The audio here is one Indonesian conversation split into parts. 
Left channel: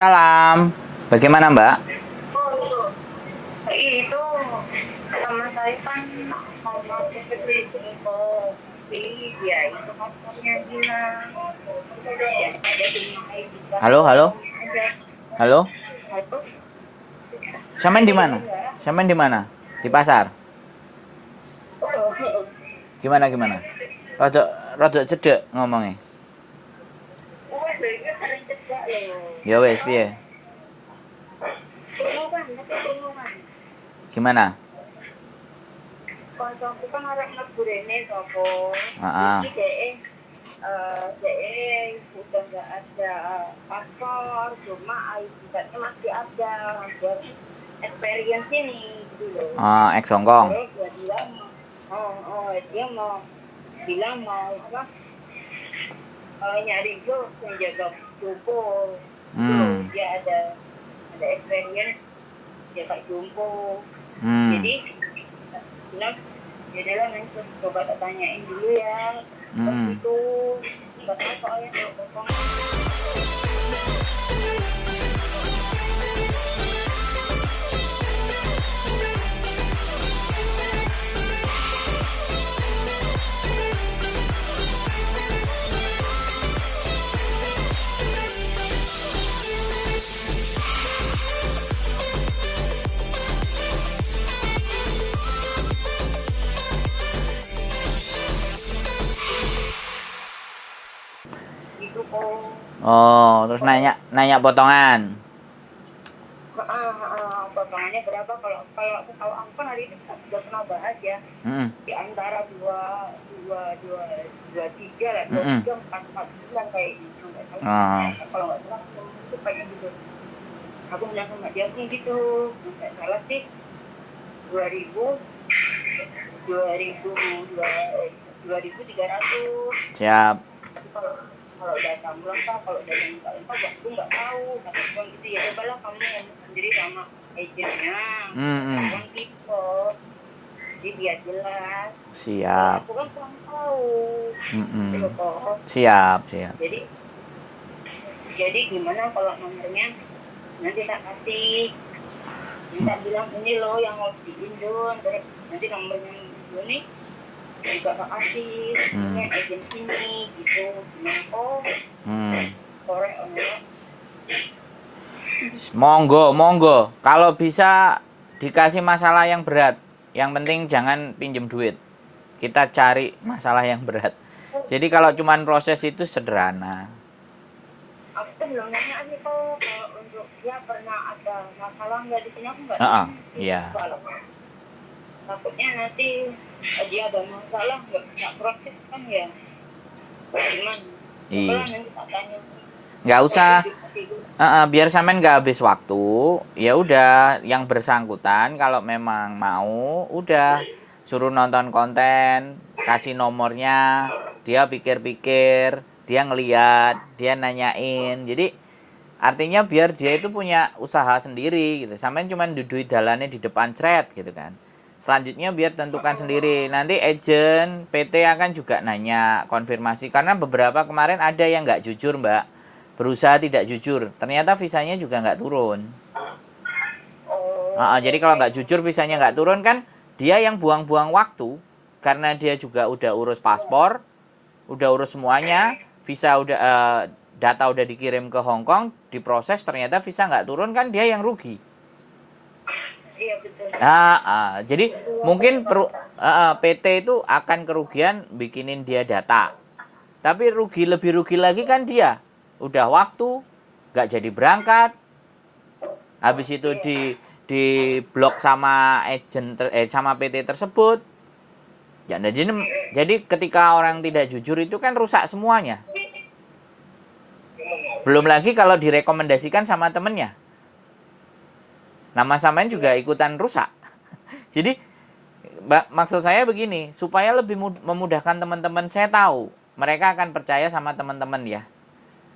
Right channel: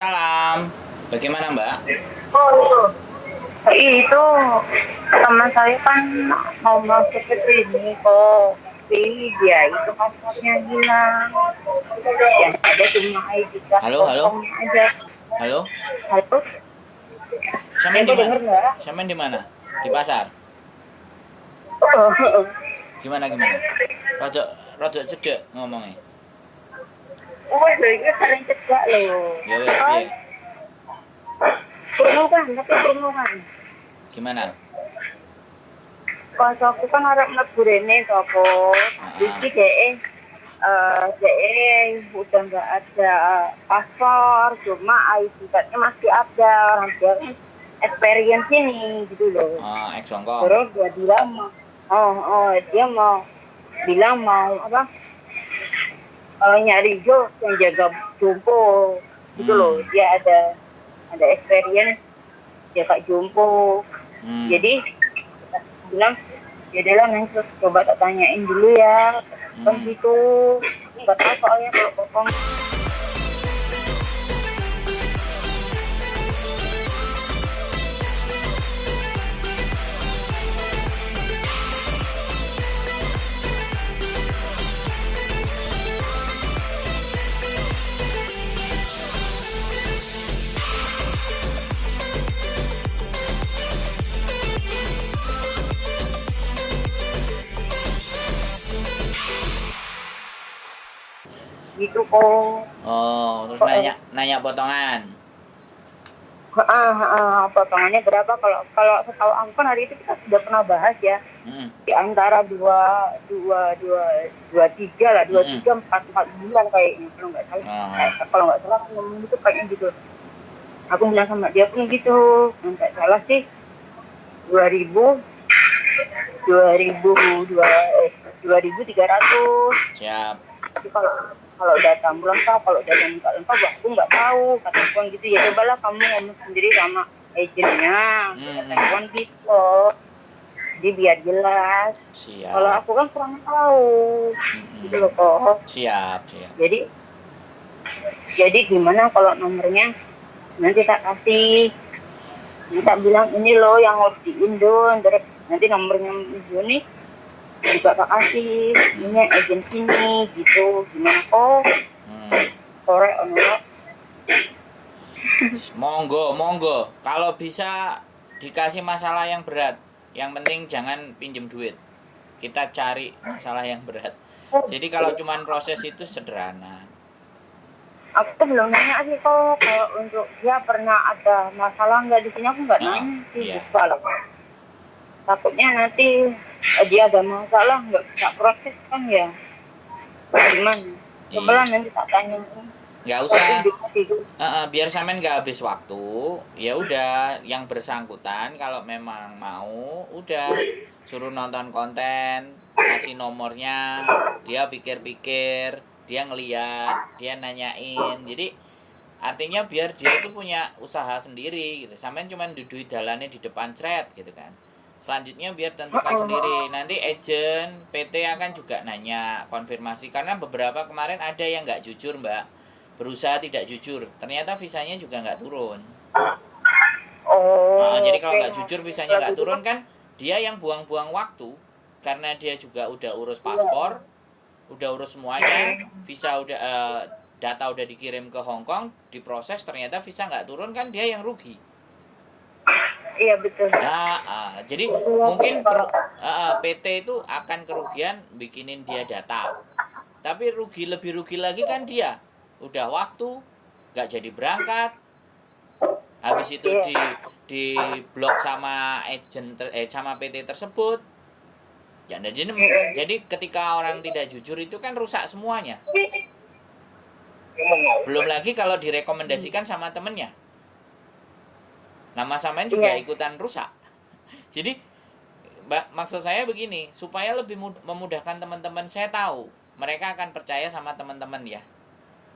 Salam. Bagaimana, Mbak? Oh, itu teman saya kan mau masuk ke sini kok, tapi dia itu paspornya hilang. Yang ada cuma ID card Halo, halo. kosongnya aja. Halo. Halo, Sampean di Dede mana? dengar nggak? Sampean di mana? Di pasar. Oh, Gimana? Rada rada cedek ngomongnya. oh, ini sering cegak loh. Ya wes, piye? Perlu kan, tapi perlu kan. Gimana? Kalau aku kan harap mlebu rene sopo. Ah, Jadi udah nggak ada paspor, cuma ID card-nya masih ada. Orang dia kan experience ini gitu loh. ex Hongkong. Terus dia bilang dia mau bilang mau apa? Nyari job yang jaga jompo gitu loh. Dia ada experience jaga jompo. Jadi bilang ya udah lah nanti coba tak tanyain dulu ya kan gitu nggak tahu soalnya kalau potong gitu kok. Oh, terus nanya potongan. Potongannya berapa kalau kalau setahu aku kan hari itu kita sudah pernah bahas ya di antara dua tiga lah 23 4 bulan kayaknya kalau nggak salah aku ngomong itu kayaknya gitu. Aku bilang sama dia pun gitu nggak salah sih 2000 2300. Siap. Tapi kalau data bulan kalau data bulan aku nggak tahu kata Tuan gitu ya cobalah kamu ngomong sendiri sama agennya kata Tuan gitu jadi biar jelas. Siap. Kalau aku kan kurang tahu gitu loh kok. Siap. Jadi gimana kalau nomornya nanti tak kasih, nanti tak bilang ini loh yang harus di Indo, nanti nomornya ini juga tak kasih ini agensinya gitu gimana kok sore enggak monggo kalau bisa dikasih masalah yang berat, yang penting jangan pinjem duit, kita cari masalah yang berat. Jadi kalau cuman proses itu sederhana. Aku belum nanya sih kok kalau untuk dia pernah ada masalah nggak di sini, aku nggak nanya sih. Iya. Takutnya nanti dia ada masalah nggak bisa proses kan ya gimana? Coba nanti tak tanya. Nggak usah, biar sampean nggak habis waktu. Ya udah, yang bersangkutan kalau memang mau, udah suruh nonton konten, kasih nomornya, dia pikir-pikir, dia ngeliat, dia nanyain. Jadi artinya biar dia itu punya usaha sendiri gitu. Sampean cuma duduk dalannya di depan thread gitu kan. Selanjutnya biar tentukan sendiri. Nanti agent PT akan juga nanya konfirmasi. Karena beberapa kemarin ada yang nggak jujur, Mbak. Berusaha tidak jujur. Ternyata visanya juga nggak turun. Jadi kalau nggak jujur visanya nggak turun kan dia yang buang-buang waktu. Karena dia juga udah urus paspor, udah urus semuanya, visa udah data udah dikirim ke Hong Kong, diproses ternyata visa nggak turun kan dia yang rugi. Iya betul. Jadi mungkin PT itu akan kerugian bikinin dia data. Tapi lebih rugi lagi kan dia. Udah waktu, nggak jadi berangkat. Habis itu di blok sama sama PT tersebut. Jadi ketika orang tidak jujur itu kan rusak semuanya. Belum lagi kalau direkomendasikan sama temennya. Nama samain juga ikutan rusak. Jadi maksud saya begini, supaya lebih memudahkan teman-teman, saya tahu mereka akan percaya sama teman-teman ya.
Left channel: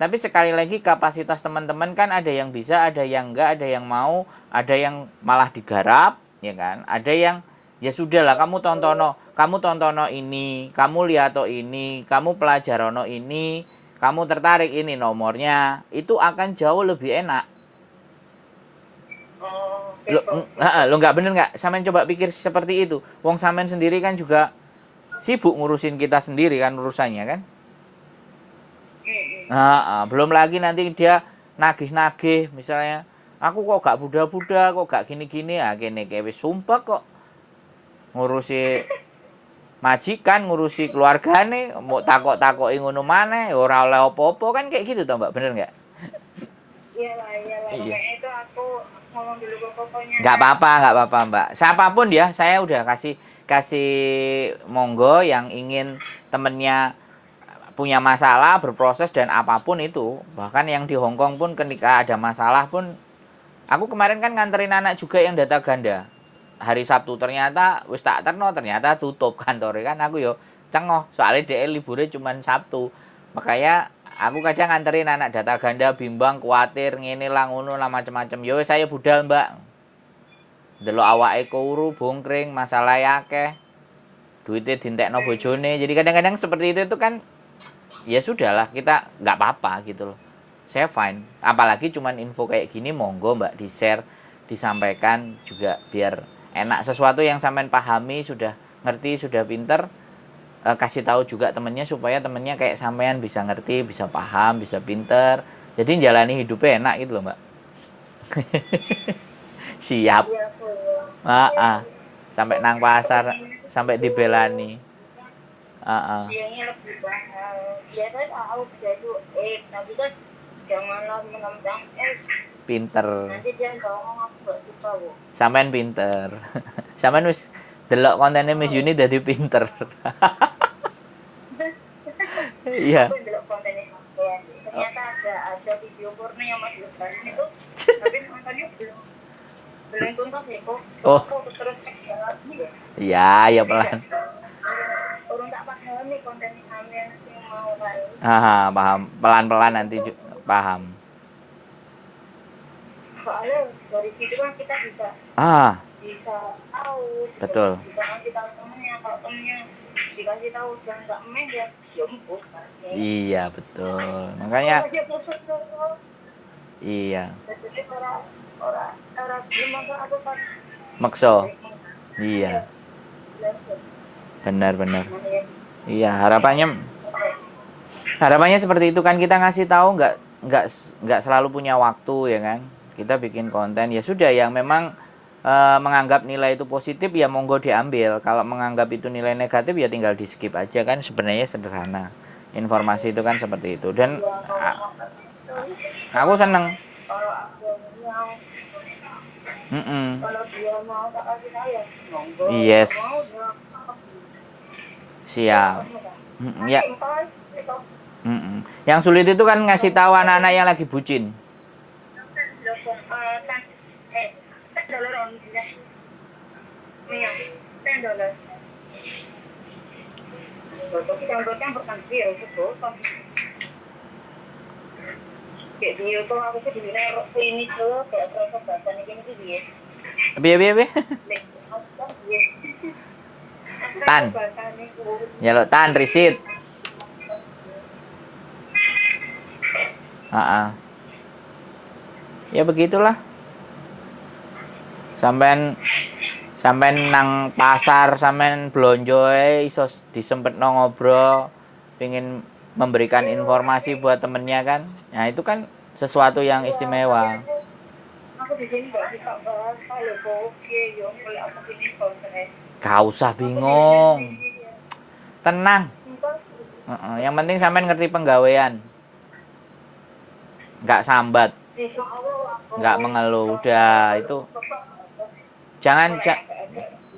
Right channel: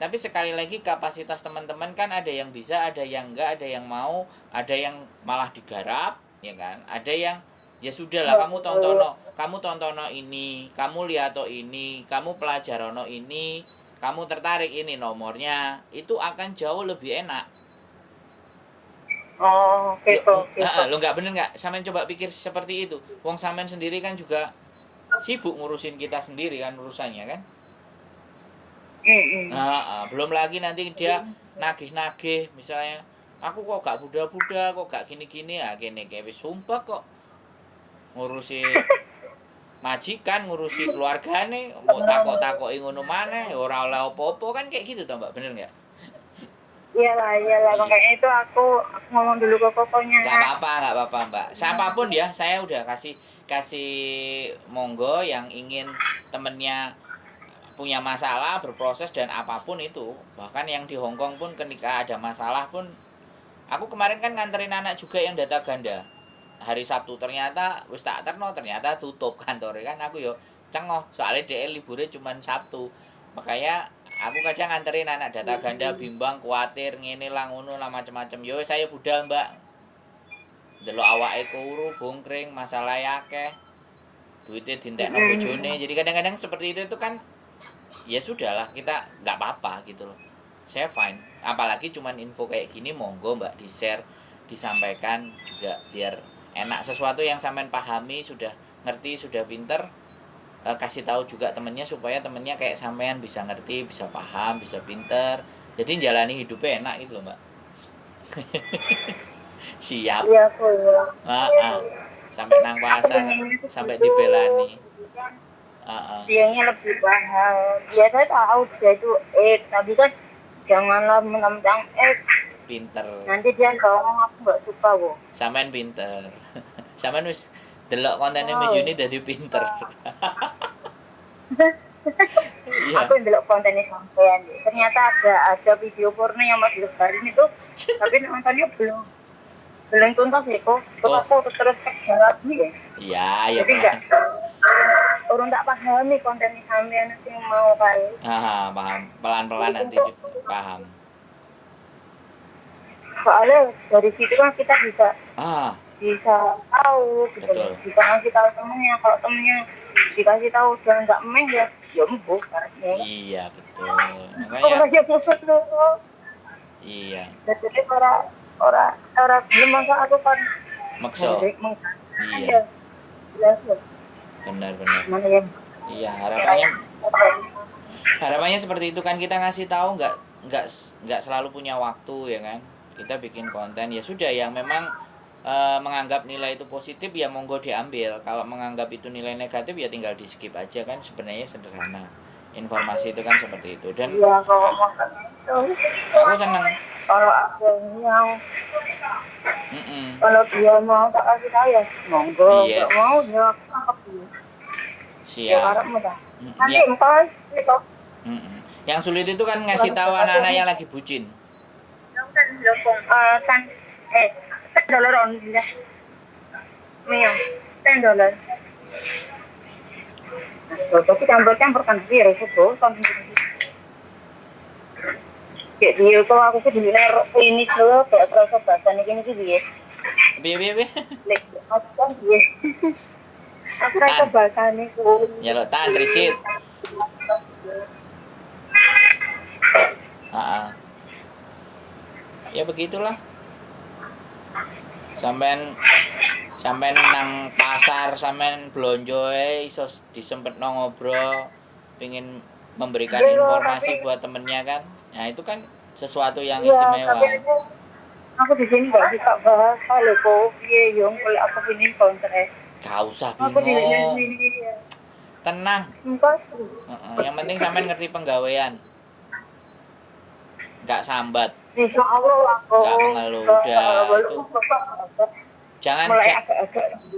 Tapi sekali lagi kapasitas teman-teman kan ada yang bisa, ada yang enggak, ada yang mau, ada yang malah digarap, ya kan? Ada yang ya sudahlah kamu tontono ini, kamu lihat ini, kamu pelajarono ini, kamu tertarik ini nomornya, itu akan jauh lebih enak. Oh, kepo. Lo nggak bener nggak? Sampean coba pikir seperti itu. Wong sampean sendiri kan juga sibuk ngurusin kita sendiri kan urusannya kan. Belum lagi nanti dia nagih-nagih misalnya. Aku kok gak buda-buda, kok gak gini-gini, kene kayak wis sumpah kok ngurusi majikan, ngurusi keluargane, mau takok-takoki ngono maneh, ora oleh apa-apa kan kayak gitu toh Mbak, bener nggak? Iyalah. Makanya itu aku ngomong dulu ke kokonya. Nggak apa-apa Mbak. Siapapun ya, saya udah kasih monggo yang ingin temennya punya masalah, berproses dan apapun itu. Bahkan yang di Hongkong pun ketika ada masalah pun, aku kemarin kan nganterin anak juga yang data ganda. Hari Sabtu ternyata wis tak terno ternyata tutup kantornya kan aku yo cengoh soalnya DL liburnya cuma Sabtu. Makanya aku kadang nganterin anak data ganda bimbang kuatir ngene lah ngono lah macam-macam. Yo saya budal Mbak. Delok awake kuru bongkring masalah akeh. Duitnya dintekno bojone. Jadi kadang-kadang seperti itu kan ya sudahlah kita nggak apa-apa gitu loh. Saya fine. Apalagi cuman info kayak gini monggo Mbak di-share, disampaikan juga biar enak sesuatu yang sampean pahami, sudah ngerti, sudah pinter, kasih tahu juga temennya supaya temennya kayak sampean bisa ngerti, bisa paham, bisa pinter. Jadi jalani hidupnya enak gitu loh, Mbak. Siap. Iya, Sampai nang pasar, sampai dibelani. Dianya lebih paham. Ya saya tahu dia itu tapi kan janganlah menentang Pinter. Nanti dia ngomong aku nggak suka kok. Sampean pinter. Sampean wis delok kontennya Miss Yuni dadi pinter. Iya. Aku delok kontennya sampean. Ternyata ada video porno yang masih lebarin itu, tapi nontonnya belum tuntas ya kok. Aku terus cek lagi ya. Iya, ya pelan. Orang tak pahami kontennya sampean nanti yang mau kali. Paham. Pelan-pelan nanti paham. Soalnya dari situ kan kita bisa tahu, betul. Bisa ngasih tahu temennya, kalau temennya dikasih tahu jangan nggak meh ya empuk. Iya betul. Makanya. Iya. Jadi orang belum masa aku kan. Makso. Iya. Benar. Iya harapannya seperti itu kan, kita ngasih tahu nggak selalu punya waktu ya kan. Kita bikin konten ya sudah, yang memang menganggap nilai itu positif ya monggo diambil. Kalau menganggap itu nilai negatif ya tinggal di skip aja kan, sebenarnya sederhana. Informasi itu kan seperti itu. Dan ya, aku seneng kalau aku mau kalau dia mau tak kasih tahu ya monggo. Yes. Mau ya siap ya. Yang sulit itu kan ngasih tahu anak-anak yang lagi bucin. $10 on dia. $10. Tapi campur kan biar itu kan. Jadi kok aku sih dinero ini dulu kayak proses bahasane gini sih dia. Piye? Tan. Ya lo tan risit. Ya begitulah. Sampean nang pasar, sampean blonjo iso disempetno ngobrol, pengin memberikan informasi buat temennya kan. Nah, itu kan sesuatu yang istimewa. Aku di sini enggak bisa bahas kalau kok piye yo kalau aku ini kontrak. Gak usah bingung. Tenang. Yang penting sampean ngerti penggawean. Nggak sambat. Nggak mengeluh. Udah itu.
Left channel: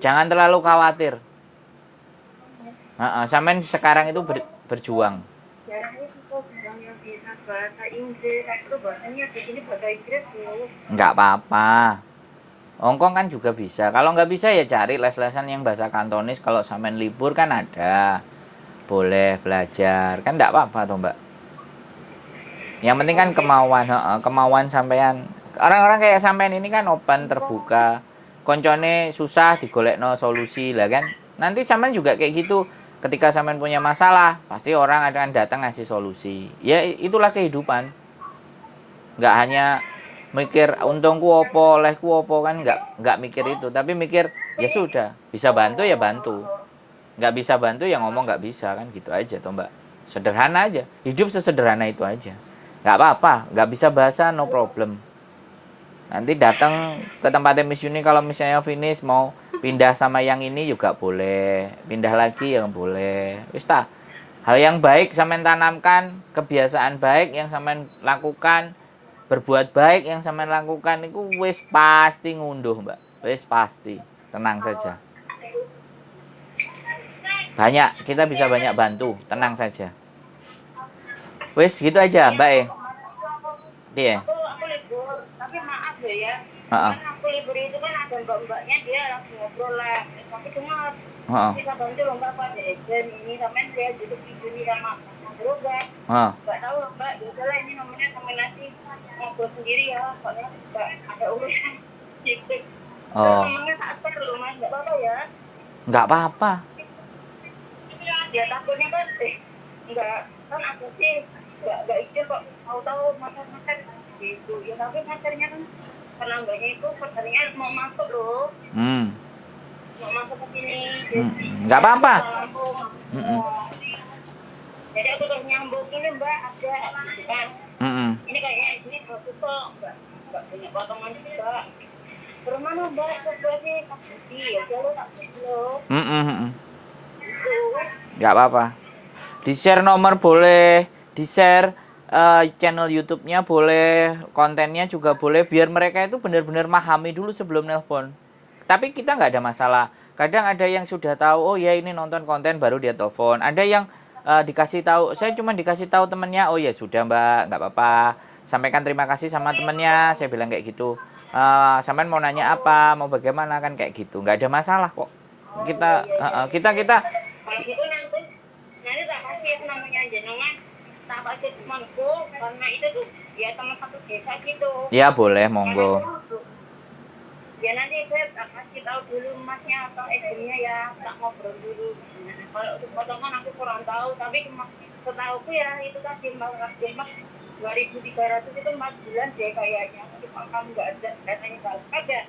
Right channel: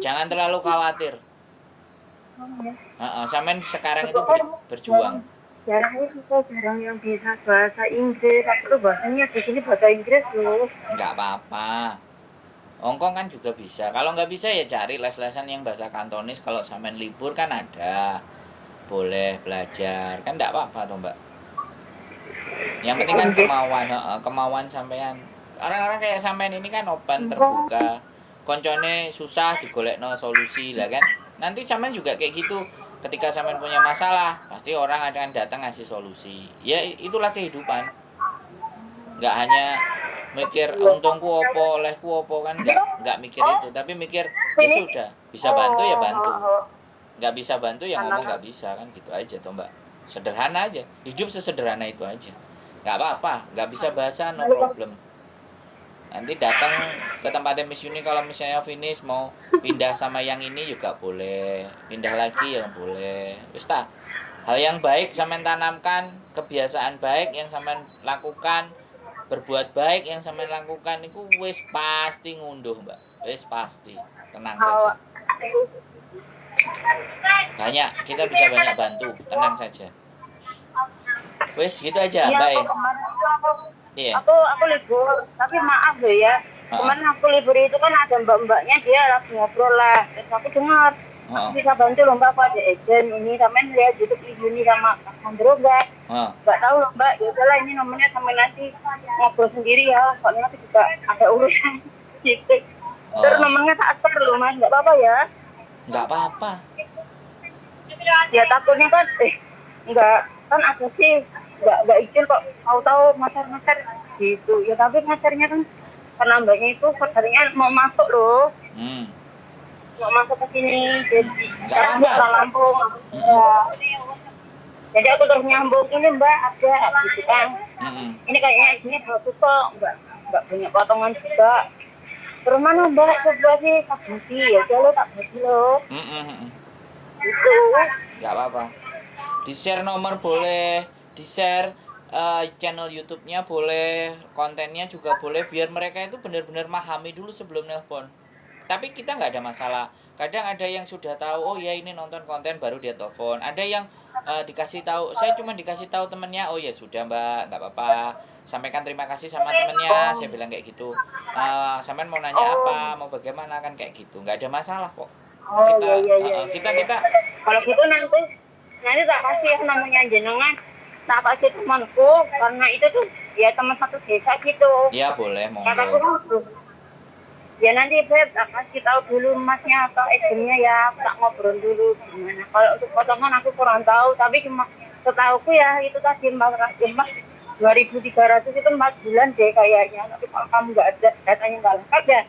Jangan terlalu khawatir. Sampean sekarang itu berjuang. Jarang yang bisa bahasa Inggris. Aku tuh bahasanya di sini bahasa Inggris loh. Nggak apa-apa. Hongkong kan juga bisa. Kalau nggak bisa ya cari les-lesan yang bahasa Kantonis. Kalau sampean libur kan ada. Boleh belajar. Kan nggak apa-apa toh Mbak. Yang penting kan kemauan sampean. Orang-orang kayak sampean ini kan open, terbuka. Koncone susah digolekno solusi lah kan. Nanti sampean juga kayak gitu. ketika sampean punya masalah, pasti orang akan datang ngasih solusi. Ya itulah kehidupan. Nggak hanya mikir untungku opo, olehku opo, kan nggak mikir itu, tapi mikir ya sudah, bisa bantu ya bantu. Nggak bisa bantu ya ngomong nggak bisa, kan gitu aja toh Mbak. Sederhana aja. Hidup sesederhana itu aja. Nggak apa-apa, nggak bisa bahasa no problem. Nanti datang ke tempatnya Miss Yuni, kalau misalnya finish mau pindah sama yang ini juga boleh, pindah lagi yang boleh. Wis ta. Hal yang baik sampean tanamkan, kebiasaan baik yang sampean lakukan, berbuat baik yang sampean lakukan itu wis pasti ngunduh, Mbak. Wis pasti. Tenang saja. Kita bisa banyak bantu, tenang saja. Wis gitu aja, Mbak. Iya. Aku libur, tapi maaf loh ya. Kemarin aku libur itu kan ada mbak-mbaknya, dia lagi ngobrol lah. Terus aku dengar, bisa bantu loh mbak, aku ada agent ini, sampai lihat YouTube ini sama Andro mbak. Nggak tahu loh mbak, ya udahlah ini nomornya sampai nanti ngobrol sendiri ya. Soalnya nanti juga ada urusan sedikit. Terus nomornya tak share loh mas, nggak apa-apa ya? Nggak apa-apa. Ya takutnya kan, nggak, kan aku sih nggak izin kok, tahu master gitu ya, tapi masternya kan karena mbaknya itu katanya mau masuk loh, mau masuk ke sini, jadi nggak apa-apa. Lampung, jadi aku terus nyambung ini mbak ada gitu kan, ini kayaknya ini bagus kok, mbak punya potongan juga, terus mana mbak coba sih tak bagi ya, lo tak bagi lo, gitu. Nggak apa-apa, di share nomor boleh, di share channel YouTube-nya boleh, kontennya juga boleh, biar mereka itu benar-benar memahami dulu sebelum nelpon. Tapi kita nggak ada masalah. Kadang ada yang sudah tahu, oh ya ini nonton konten baru dia telepon. Ada yang dikasih tahu, saya cuma dikasih tahu temennya, oh ya sudah mbak, nggak apa-apa. Sampaikan terima kasih sama temennya, saya bilang kayak gitu. Sampean mau nanya apa, mau bagaimana, kan kayak gitu. Nggak ada masalah kok. Kita kalau gitu nanti tak kasih namanya jenengan, tak kasih temanku, karena itu tuh ya teman satu desa gitu. Ya boleh, monggo. Ya nanti saya tak kasih tahu dulu masnya atau agentnya ya, tak ngobrol dulu gimana. Kalau untuk potongan aku kurang tahu, tapi cuma setahuku ya itu tadi mas 2.300 itu 4 bulan deh kayaknya. Tapi kalau kamu nggak ada datanya nggak lengkap ya,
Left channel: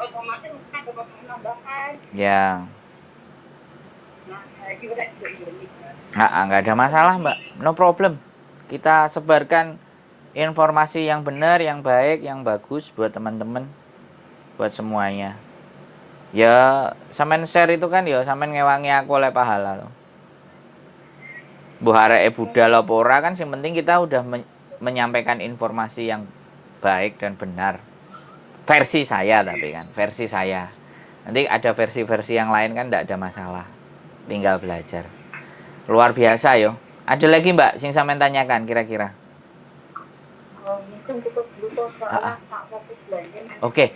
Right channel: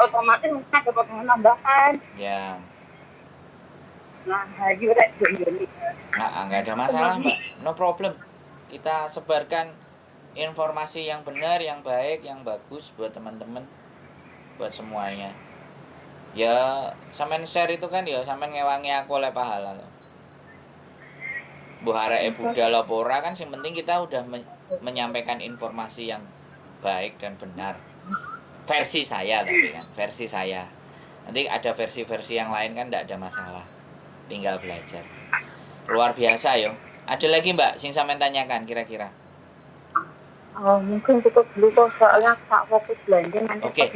otomatis mungkin ada potongan tambahan. Ya. Nah, nggak ada masalah mbak, no problem. Kita sebarkan informasi yang benar, yang baik, yang bagus buat teman-teman, buat semuanya. Ya sampean share itu kan ya sampean ngewangi aku oleh pahala loh. Bu hareke budal apa ora kan, yang penting kita udah menyampaikan informasi yang baik dan benar. Versi saya tapi kan, versi saya. Nanti ada versi-versi yang lain kan enggak ada masalah. Tinggal belajar. Luar biasa yo. Ada lagi mbak sing sampean tanyakan kira-kira? Mungkin cukup dulu kok, soalnya tak fokus belanja nanti. Oke.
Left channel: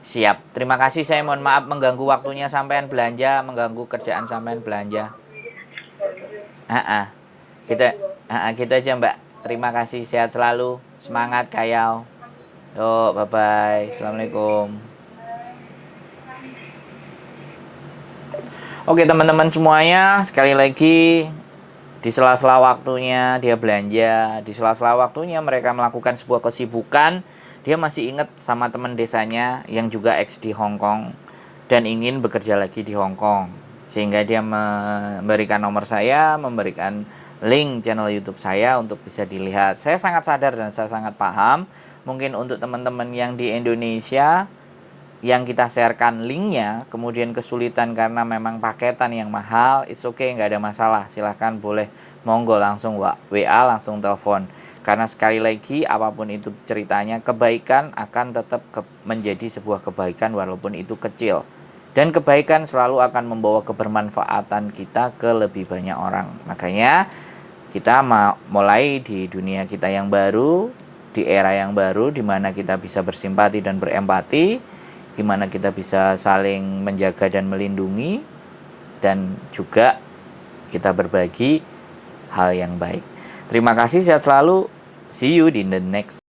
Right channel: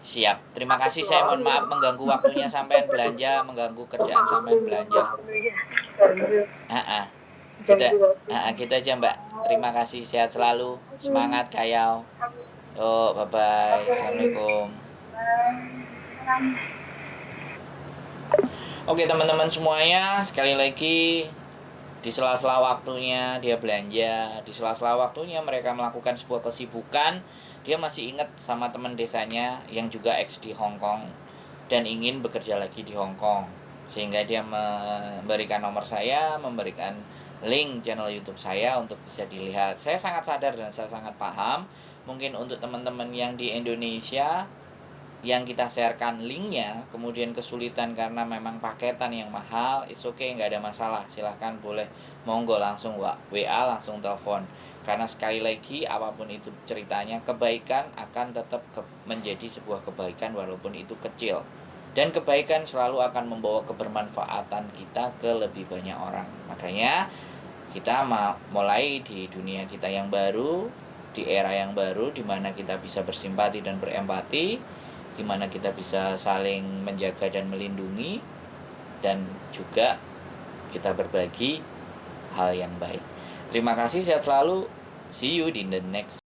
Siap. Terima kasih, saya mohon maaf mengganggu waktunya sampean belanja, mengganggu kerjaan sampean belanja. Gitu aja mbak. Terima kasih, sehat selalu, semangat kayau. Yo, bye bye. Assalamualaikum. Oke teman-teman semuanya, sekali lagi di sela-sela waktunya dia belanja, di sela-sela waktunya mereka melakukan sebuah kesibukan, dia masih ingat sama teman desanya yang juga ex di Hong Kong dan ingin bekerja lagi di Hong Kong, sehingga dia memberikan nomor saya, memberikan link channel YouTube saya untuk bisa dilihat. Saya sangat sadar dan saya sangat paham, mungkin untuk teman-teman yang di Indonesia yang kita sharekan linknya kemudian kesulitan karena memang paketan yang mahal, it's okay, nggak ada masalah, silahkan boleh monggo langsung WA, langsung telepon, karena sekali lagi apapun itu ceritanya, kebaikan akan tetap menjadi sebuah kebaikan walaupun itu kecil, dan kebaikan selalu akan membawa kebermanfaatan kita ke lebih banyak orang. Makanya kita mulai di dunia kita yang baru, di era yang baru, di mana kita bisa bersimpati dan berempati, di mana kita bisa saling menjaga dan melindungi, dan juga kita berbagi hal yang baik. Terima kasih, sehat selalu. See you in the next